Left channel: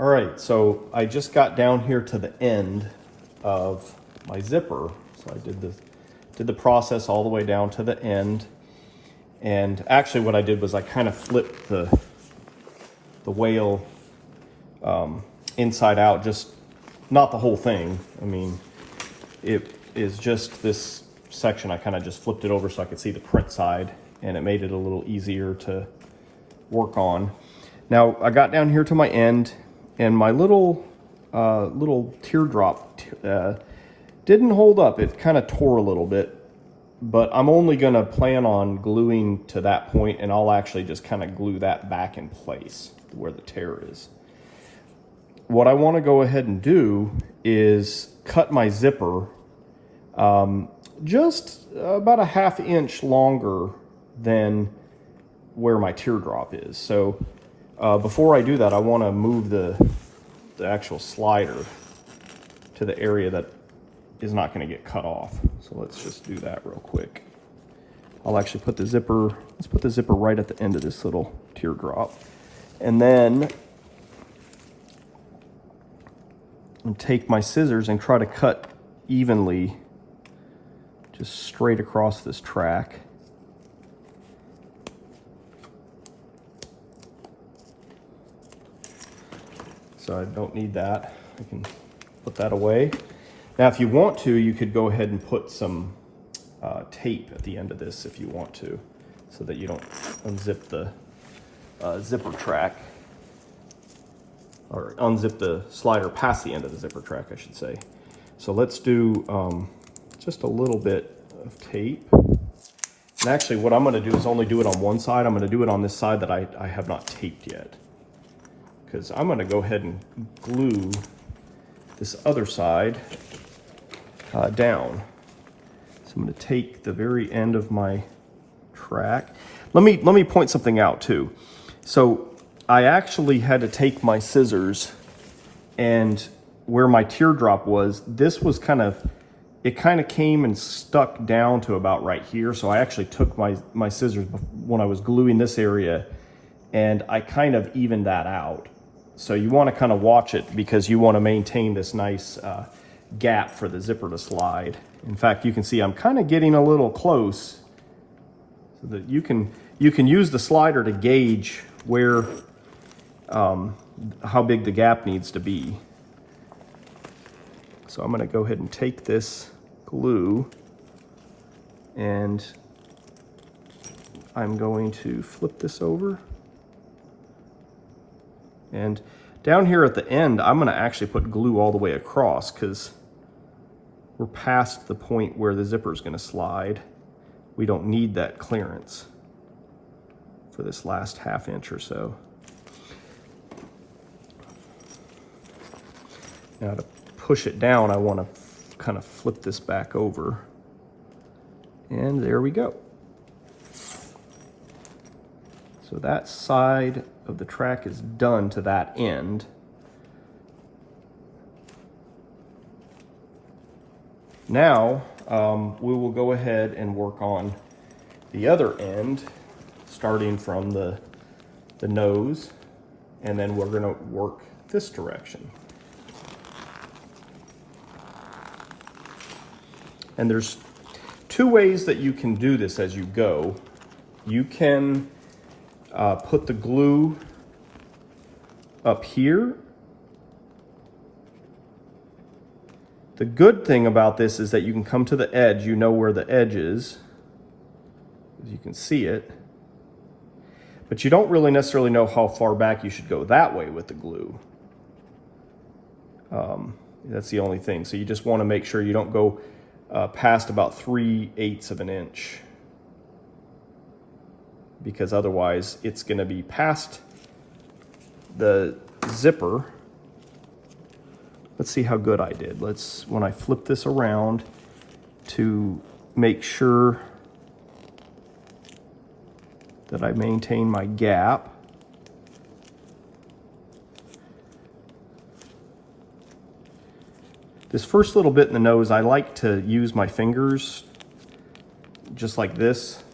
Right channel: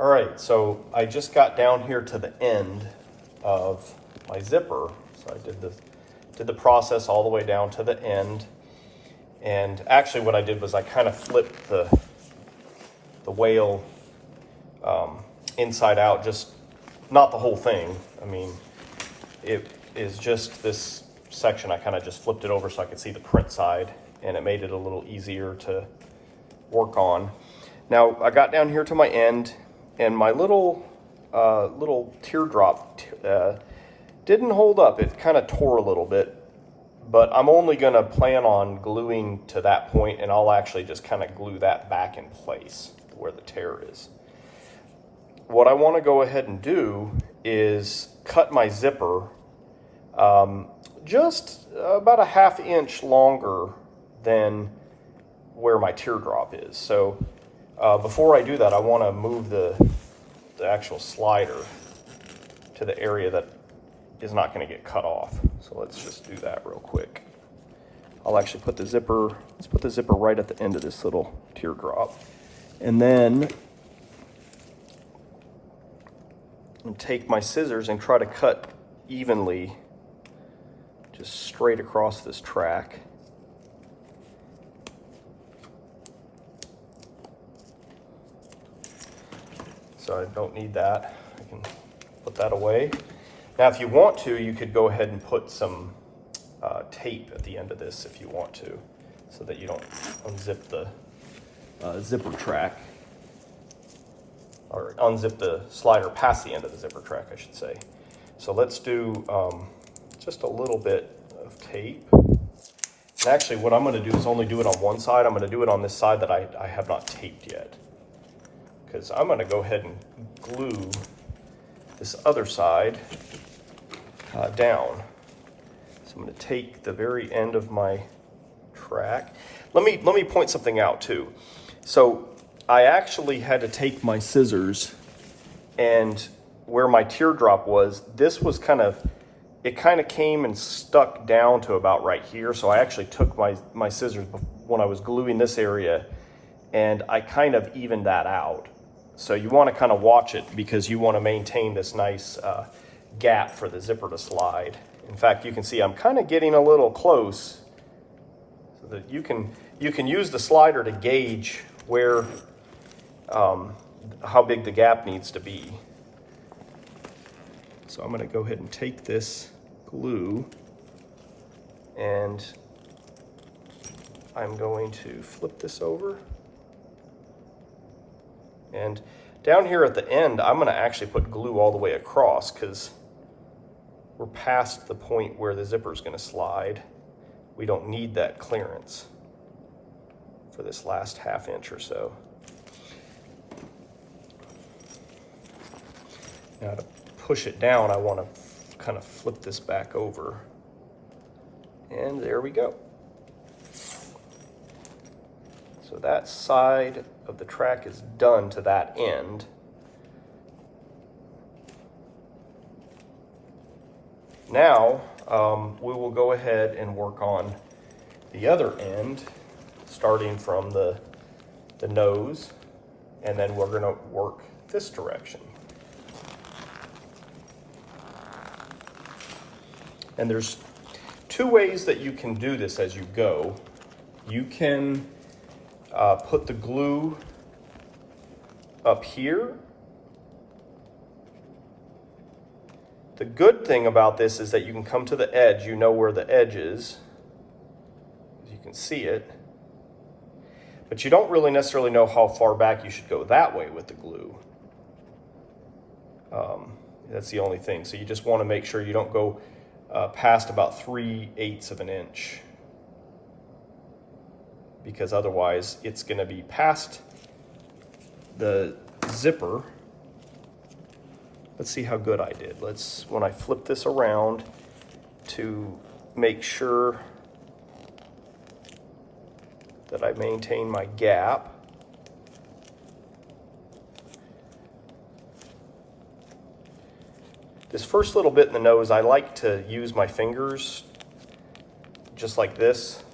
All right, so I just got down here to the end of my zipper. So I did the process all the way down to the end. And actually what I did was I kind of flipped the whale inside out, just not the whole thing. I mean, it is just this section. I kind of just flipped it over so I could see the print side, and it made it a little easier to work on. Now I got down here to my end, and my little teardrop didn't hold up. It kind of tore a little bit, but I'm only gonna plan on gluing to that point, and I'll actually just kind of glue that back in place where the tear is. What I want to go ahead and do is cut my zipper just about a ½ inch longer than where my teardrop is. So before I do that, I want to move the actual slider to the area that is not going to get cut off. So let's just do that real quick. I'll actually put the zipper, let's put the zipper right at the end of this little teardrop. And then take my scissors and try to cut evenly, just straight across this track. So I don't need that. I can put that away. Now, if you want to, you could go ahead and put some tape at the end of this if you want to, so that you don't unzip the zipper track, or unzip the slider past the end of the zipper track, I should say. So let's do just a little bit of tape. And actually what I'm gonna do is only do it on one side. I'm gonna do it on this side that I have not taped yet, because I'm gonna go ahead and glue this other side down. So I'm gonna take the very end of my track. Let me point something out too. So I actually had to take my scissors, and where my teardrop was, this was it kind of came and stuck down to about right here. So I actually took my scissors when I was gluing this area, and I kind of evened that out. So you want to kind of watch it, because you want to maintain this nice gap for the zipper to slide. In fact, you can see I'm kind of getting a little close, so that you can use the slider to gauge where how big the gap needs to be. So I'm going to go ahead and take this glue, and I'm going to flip this over. And down here at the end, I'm going to actually put glue all the way across, because we're past the point where the zipper is going to slide. We don't need that clearance for this last ½ inch or so. Now to push it down, I want to kind of flip this back over. And there we go. So that side of the track is done to that end. Now we will go ahead and work on the other end, starting from the nose, and then we're going to work this direction. And there's two ways that you can do this as you go. You can put the glue up here. The good thing about this is that you can come to the edge. You know where the edge is, as you can see it. But you don't really necessarily know how far back you should go that way with the glue. That's the only thing. So you just want to make sure you don't go past about 3/8 of an inch, because otherwise it's going to be past the zipper. Let's see how good I did. When I flip this around to make sure that I maintain my gap. This first little bit in the nose, I like to use my fingers just like this,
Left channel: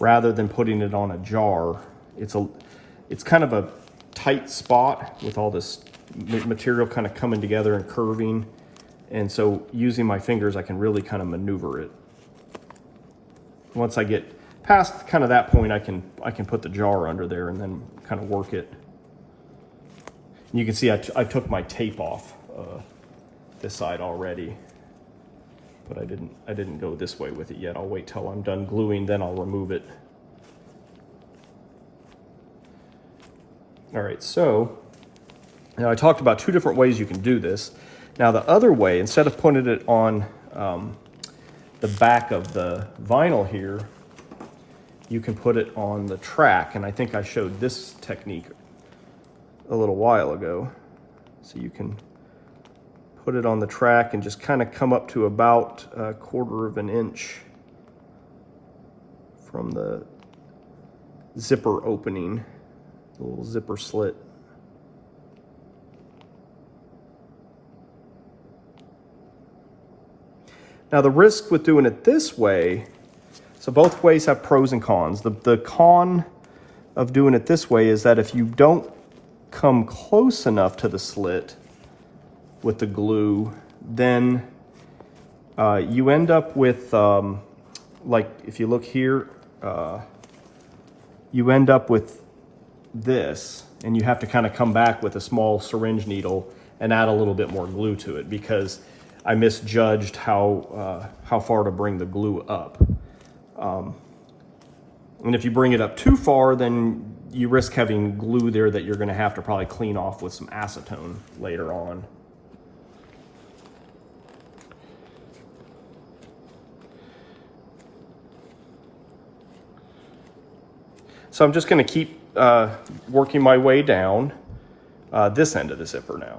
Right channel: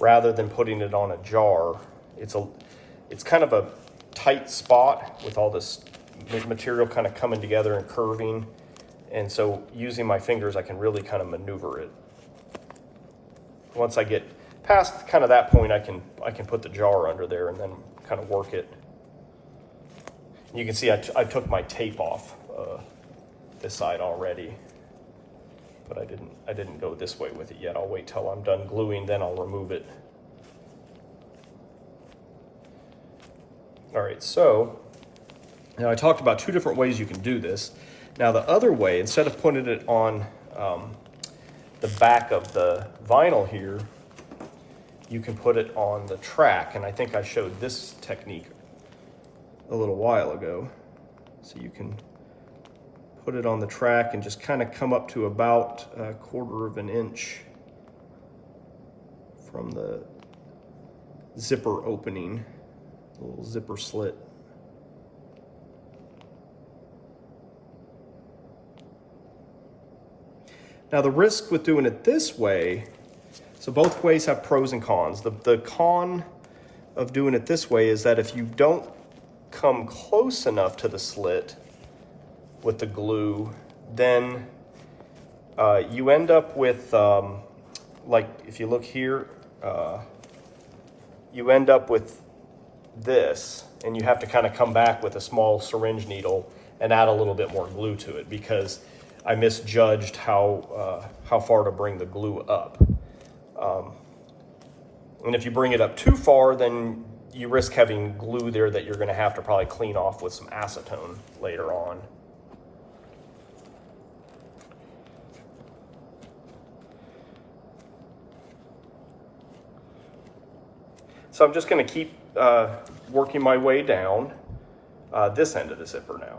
rather than putting it on a jar. It's kind of a tight spot with all this material kind of coming together and curving. And so using my fingers, I can really kind of maneuver it. Once I get past kind of that point, I can put the jar under there and then kind of work it. And you can see I took my tape off this side already, but I didn't go this way with it yet. I'll wait till I'm done gluing, then I'll remove it. All right, so now I talked about 2 different ways you can do this. Now the other way, instead of putting it on the back of the vinyl here, you can put it on the track, and I think I showed this technique a little while ago. So you can put it on the track and just kind of come up to about 1/4 of an inch from the zipper opening, the little zipper slit. Now the risk with doing it this way, so both ways have pros and cons. The con of doing it this way is that if you don't come close enough to the slit with the glue, then you end up with, like if you look here, you end up with this, and you have to kind of come back with a small syringe needle and add a little bit more glue to it because I misjudged how far to bring the glue up. And if you bring it up too far, then you risk having glue there that you're going to have to probably clean off with some acetone later on. So I'm just going to keep working my way down this end of the zipper now.